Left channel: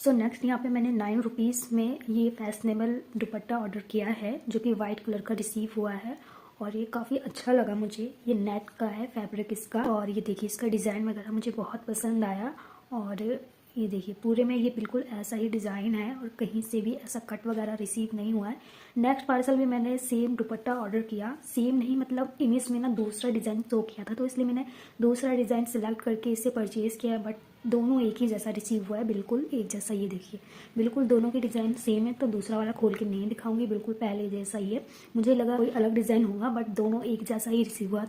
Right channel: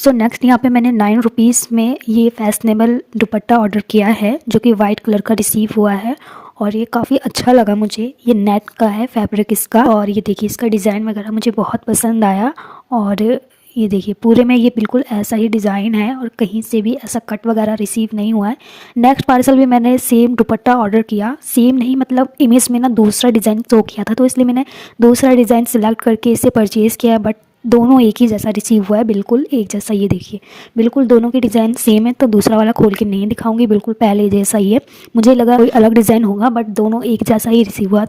So next यहाँ पे मैंने 9 रुपीज़ में ये फैशनेबल दुपट्टा ऑर्डर किया है जो कि वाइट कलर का रिसीव हुआ है। और ये काफ़ी अच्छा लगा मुझे। ये नेट का है फैब्रिक इसका, और ये देखिए इसका डिज़ाइन वगैरह मुझे बहुत पसंद आया। और ये देखिए पूरे में ये बिल्कुल ऐसा ही डिज़ाइन है और कहीं से भी ऐसा कट वगैरह रिसीव नहीं हुआ है। नेक्स्ट पार्सल भी मैंने सेम दुपट्टा ऑर्डर किया, सेम नहीं मतलब इमेज में ना दूसरा डिज़ाइन शो किया था, तो इसलिए मैंने दूसरा डिज़ाइन सिलेक्ट करके इसे परचेज़ किया। बट दोनों एक ही जैसा रिसीव हुआ है, बिल्कुल एक जैसा। ये देखिए बिल्कुल दोनों के डिज़ाइन सेम है, तो दूसरा वाला खोल के नहीं दिखाऊंगी, बिल्कुल पहले जैसा ही है। मुझे लगा कोई अलग डिज़ाइन होगा बट दोनों एक जैसा ही रिसीव हुआ।